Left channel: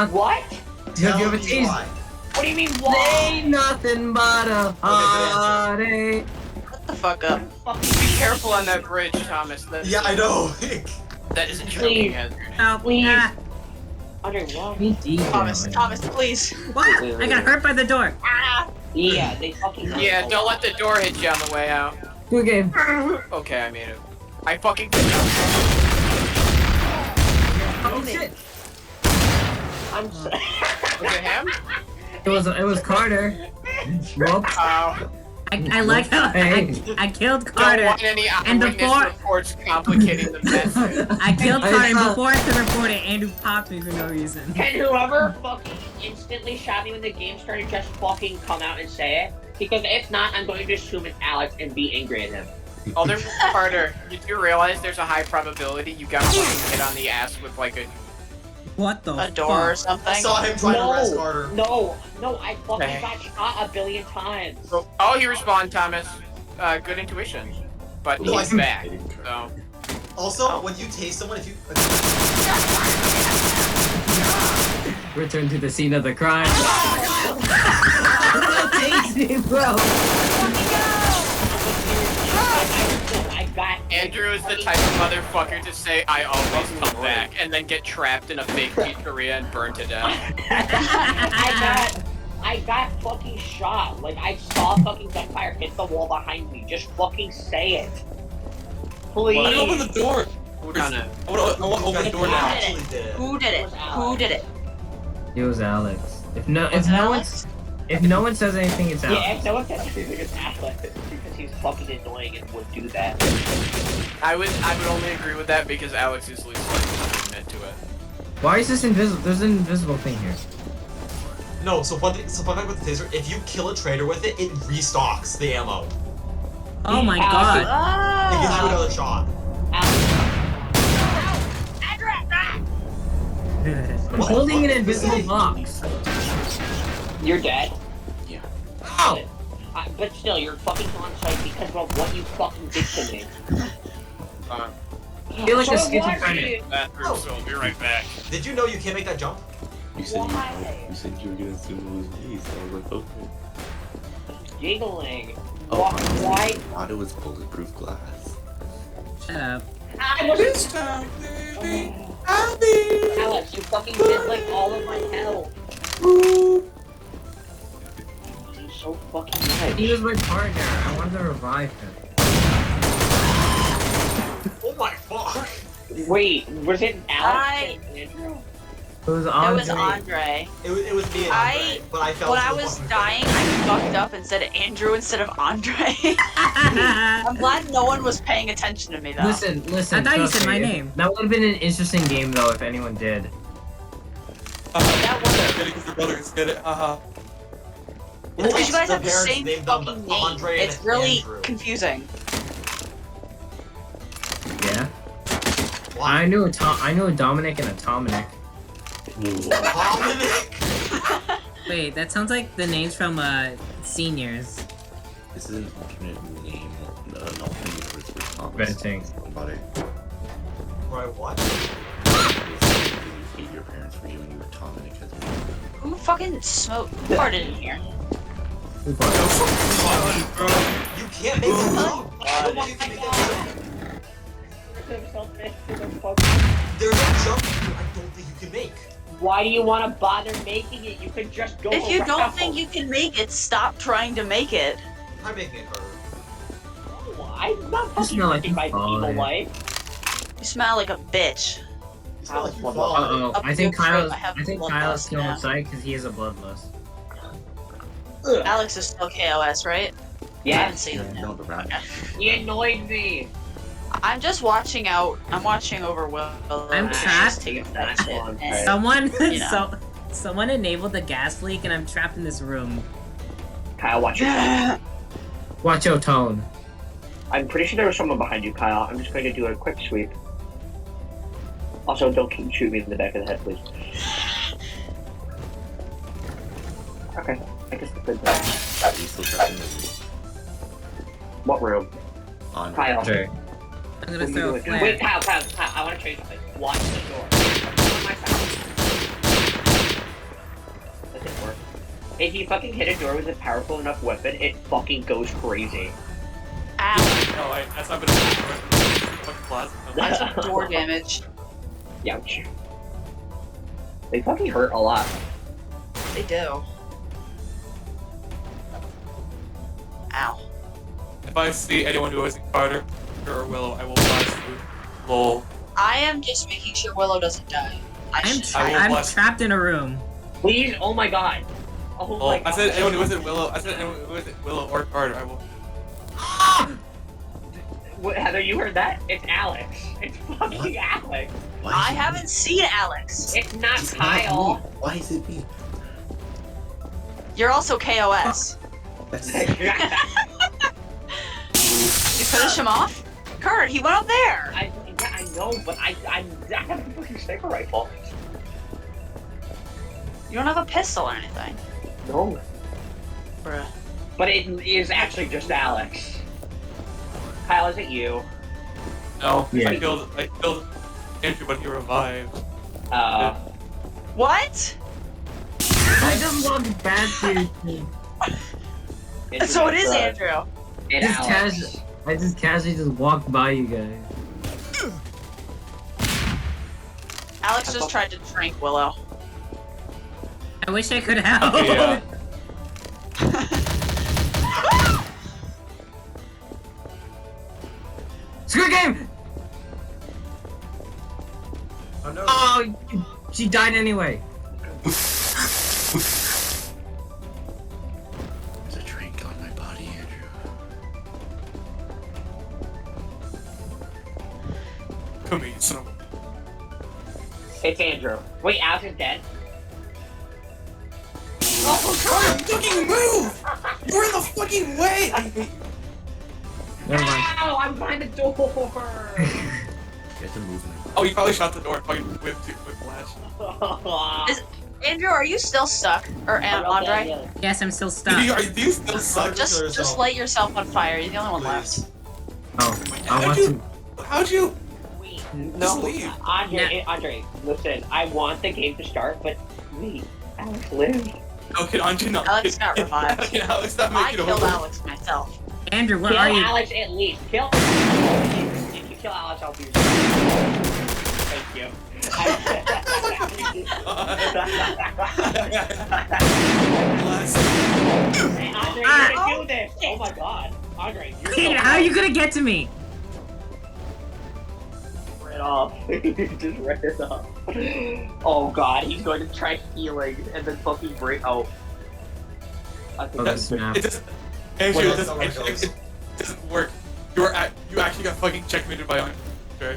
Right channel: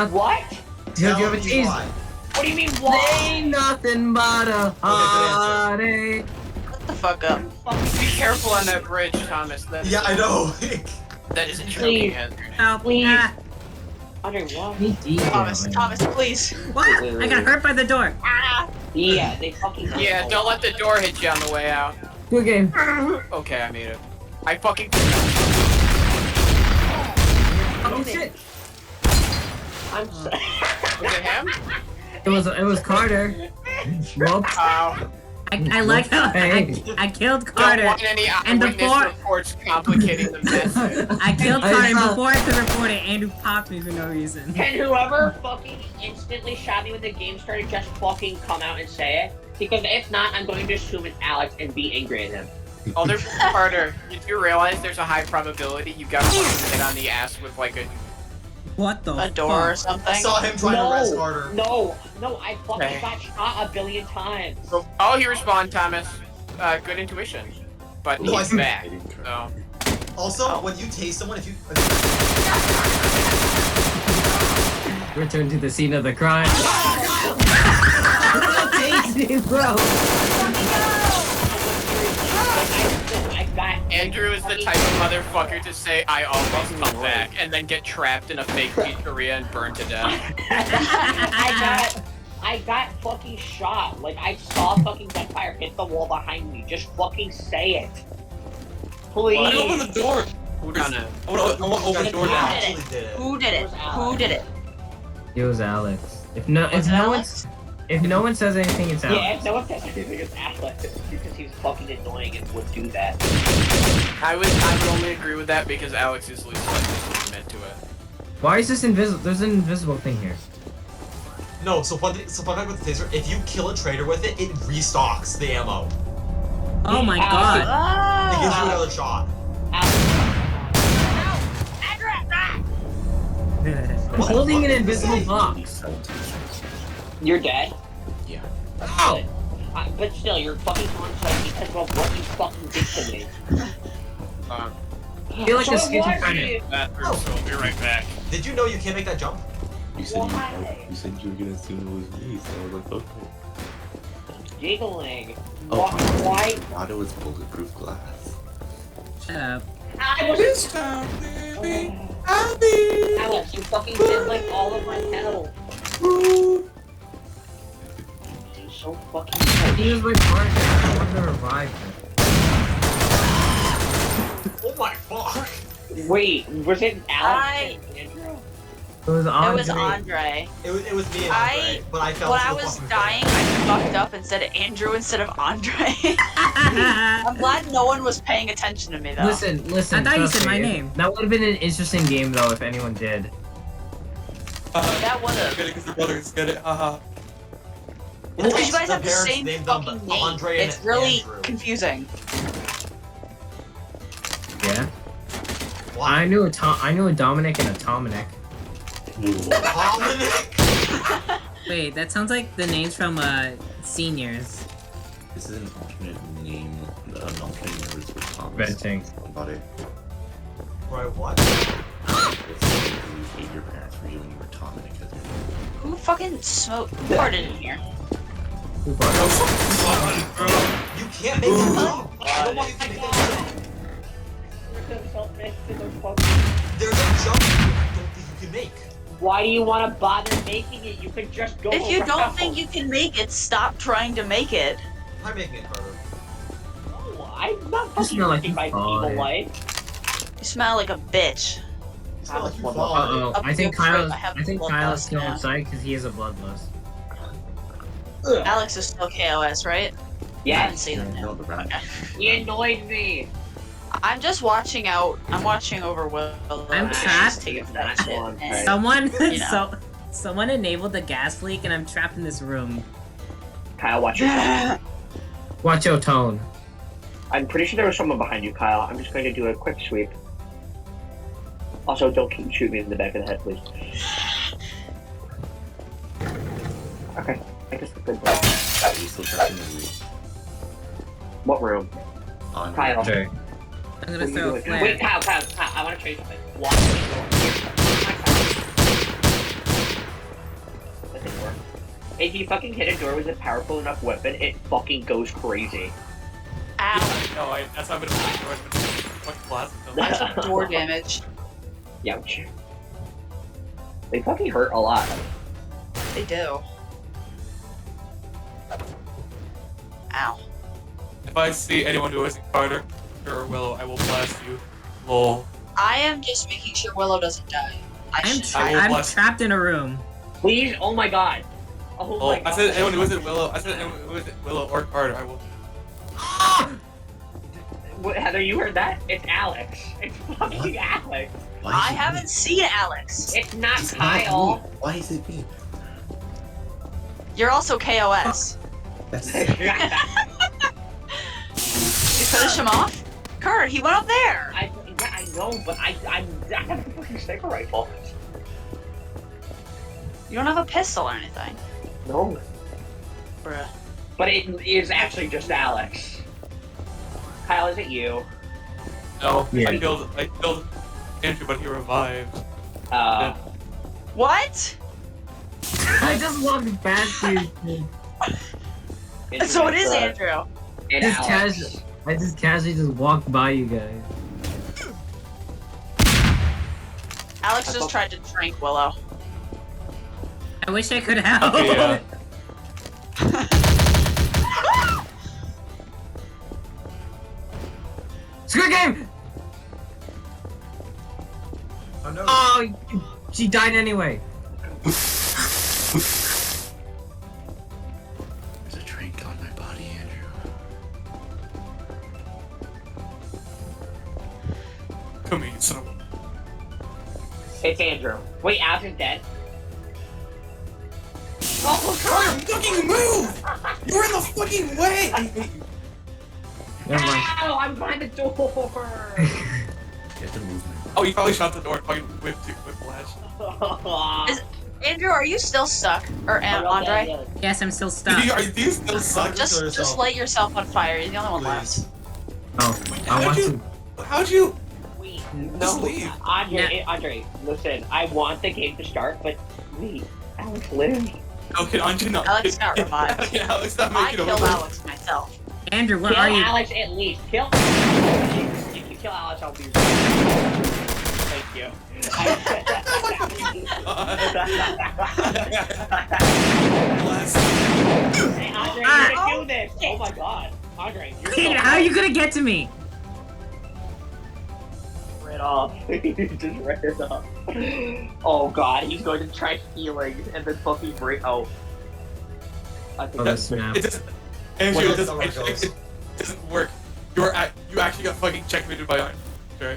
Not. What? Do you have a tease? What do you mean, why? Ain't nothing but a heartache. Shut the fuck up. Be careful on that bridge, Thomas. Yeah, I know. That is a choking hazard. Help me. Andre, what? Thomas, please. What? I got hurt by the door. Ah! Yeah, they fucking. Yeah, don't let the door hit you on the way out. Good game. Okay, I made it. I fucking. Oh shit. I'm sorry. Was it him? It was Carter. Whoop. I like how I killed Carter. Don't want any and eyewitness before- reports complicating the message. I killed Carter, and before I could report it, Andrew popped me for no reason. Can whoever fucking instantly shot me when the game started just fucking come out and say it? Because if not, I'm going to assume it's Alex and be angry at him. Oh, there's Carter. Did you realize there's a high probability you got fucking hit on the ass with like a... What the A door or fuck? something? I saw him trying to arrest Carter. No, I fucking Okay. got shot a billion times. Oh, he respawned, Thomas. Good intuition. But No, he's back. So... Also, when you tase someone, if you... Return to the scene of the crime. Tasty, bro. I got Andrew is the type of motherfucker to say, I always come back, and then get trapped in a fake pizzeria and burned to death. I got fucking shot. Like, I saw fucking that fire hit the wall behind me. Just fucking say it. Please. Let me open the door. Who done it? I want to open the door now. actually did it. Who did it? Who did it? It was Alex. Was it Alex? If no one says anything, it's Alex. Yeah, if no one says anything, it's Alex. Because he's fucking annoying and would do that. I would only agree with that because Alex is least likely to it. Why is this invisible? There's an invisible thing here. No, so fun fact with the taser, if you kill a traitor with it, it restocks the ammo. Oh my god. It gives you Oh! another shot. I'm holding an invisible box. You're dead? Yeah. Ow! But still, you're fucking on site because of what you fucking did to me. Uh, I feel like So a what? schizophrenic. bathroom, so I'll be right back. Did you know you can't make that jump? You said Why? you said you were gonna assume it was me, so I was like, okay. Giggling. Oh, Why? I thought it was bulletproof glass. Shut up. I was. Alex, you fucking did like all of my health. You're so fucking good. He was my partner. I wanted to revive him. Oh my fuck! Wait, was it Alex? Andrew? It was It Andre. was Andre. It was me and Andre, but I fell When to I the was fucking dying, I fucked up and said Andrew instead of Andre. I'm glad no one was paying attention to me though. Listen. I thought you trust said me, my name. That would have been an interesting game though if anyone did. That was Get it because your brothers get it. Haha. Well, you guys The have the parents same named them fucking name. Andre and It's really Andrew. confusing. Yeah. What? I knew a Dominic and a Dominic. Dominic? Wait, that sounds like the names from seniors. This is an alternate name. An alternate universe for Thomas. Venting. Somebody. Right, what? You hate your parents for you when you were Dominic as well. Who fucking smoked? Who farted in here? You can't make that jump. I don't know why you can make that jump. There's a jump you don't think you can make. Why do you want to bother making it? You could just go If you around. don't think you can make it, stop trying to make it. I'm making it, Carter. No, I'm not You fucking smell like living you my evil farted. life. You smell like a bitch. You smell like you Uh-oh. fall. Uh-oh. Up I think your throat, Kyle's I have still bloodlust now. outside because he is a bloodlust. Alex is still KOS, right? I Yeah, didn't see that. No, the rat. Okay. he annoyed me. I'm just watching out. I'm watching over Will. I'm Just trapped. taking that shit. And- Someone, You know. someone enabled the gas leak, and I'm trapped in this room. Kyle, watch yourself. Watch your tone. I'm pretty sure there was someone behind you, Kyle. I'm just going to do a quick sweep. Also, don't shoot me in the back of the head, please. Okay, I guess the good. Are you still trapped in the room? What room? On Kyle. Sure. I'm gonna throw a Wait, flare. Kyle, I want to show you something. Watch the door. My side. If you fucking hit a door with a powerful enough weapon, it fucking goes crazy. Ow. No, that's not gonna fucking blast. That's door damage. Youch. They fucking hurt a lot. They do. Ow. If I see anyone who isn't Carter or Willow, I will blast you. Lol. I am just making sure Willow doesn't die. I'm I will blast- trapped in a room. Please, oh my god. Oh Lol. my god. I said anyone who isn't Willow. I said anyone who isn't Willow or Carter, I will. What, Heather, you heard that? It's Alex. It's fucking What? Alex. Why I is it haven't me? seen Alex. It's not It's not me. Kyle. Why is it me? You're also KOS. That's You finish him off? Kurt, he went up there. I know, but I have a fucking sniper rifle. You don't have a pistol or anything. No. Bruh. But it is actually just Alex. Kyle, is it you? No, Yeah. I killed Andrew, but he revived. What? I just walked past you. So it is Andrew. And Just Alex. I just casually just walked by you guys. Alex just tried to drink Willow. I wish I could help. Yeah. Squid Game! Oh no. Oh, she died anyway. There's a drink on my body, Andrew. Come here, son of a- It's Andrew. Wait, Alex is dead? Oh, Carter, fucking move! You're in the fucking way! I hate you. Never mind. Ow! I'm behind the door! You have to move me. Oh, you probably shot the door fucking with flash. Andrew, are you still stuck? Or Andre? Yes, I'm still Do stuck. you still suck? Just light yourself on fire. You're the only one left. Please. Oh, I How'd want you? to. How'd you? Wait, Just no, leave. Andre, listen, I want the game to start, but wait, Alex lived. No, can Andre not? Alex got revived. Can Alex not I make it killed over? Alex myself. Andrew, where Kill are you? Alex at least. Kill. If you kill Alex, I'll be your Thank you. Bless. Hey, Andre, you're gonna do this! Oh my god. Andre, you're Andrew, how are you gonna get to me? Right off. Just read it off. Oh god, he's going to try healing and then fucking break out. I think Oh, that's that's snap. It doesn't. Andrew, Well, it that's not doesn't. how it goes. It doesn't work. You actually got fucking checkmated by Andre.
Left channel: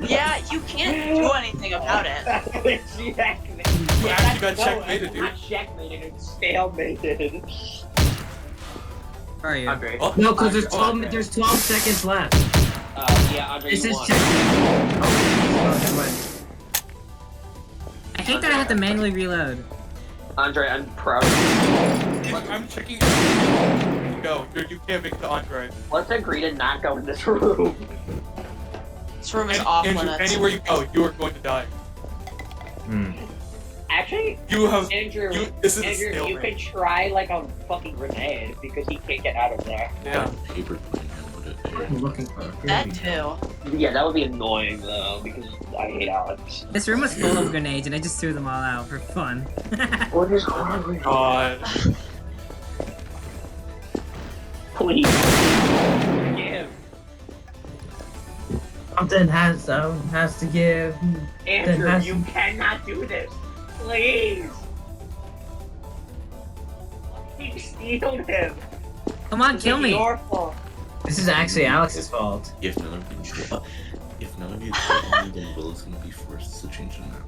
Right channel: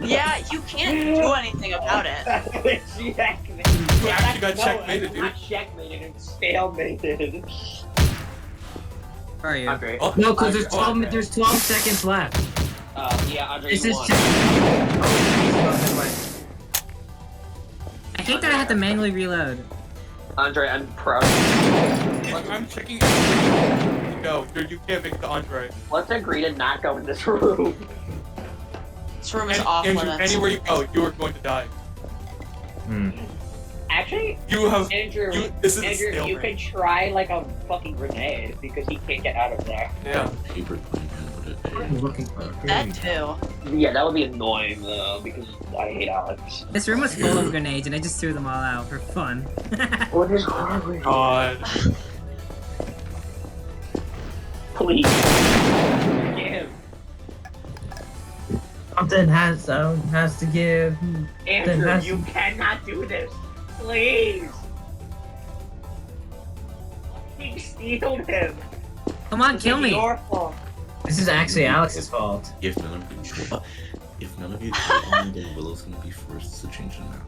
Yeah, you can't do anything about it. Checkmate. You actually got checkmated, dude. Not checkmated, it's stalemated. Where are you? Andre. Oh, No, because Andre. there's 12 seconds left. Yeah, Andre, This you is won. check. Oh, I hate that I have to manually reload. Andre, I'm proud. I'm checking. Go. You can't make the Andre. Let's agree to not go in this room. This room is off Andrew, limits. anywhere you go, you are going to die. Actually, You have. Andrew, This is a Andrew, you stalemate. can try like a fucking grenade because he can't get out of there. Yeah. Paper plane handled it. I'm looking for a That too. Yeah, that would be annoying though because I hate Alex. This room was full of grenades and I just threw them all out for fun. What is wrong? God. Please. Give. Something has to give. Andrew, has you cannot do this. Please. He stealed him. Come on, kill me. Your fault. This is actually Alex's fault. If none of you kill me, then Willow's gonna be forced to change the map.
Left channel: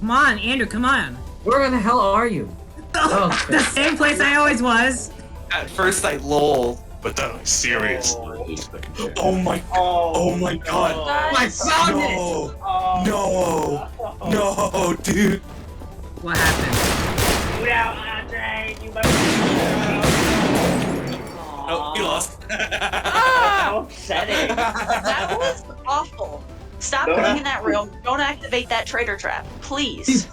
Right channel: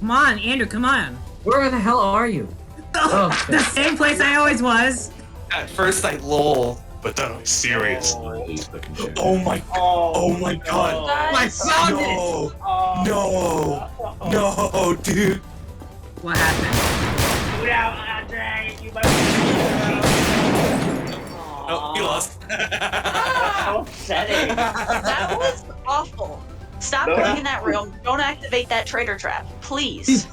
Come on, Andrew, come on. Where the hell are you? Oh, The same place I always was. At first I lol, But then I'm serious. I hate fucking shit. oh my my god. My son! No, Oh. no, dude. What happened? Well, Andre, you must No, he lost. How upsetting. That was awful. Stop No. going in that room. Don't activate that traitor trap, please. He's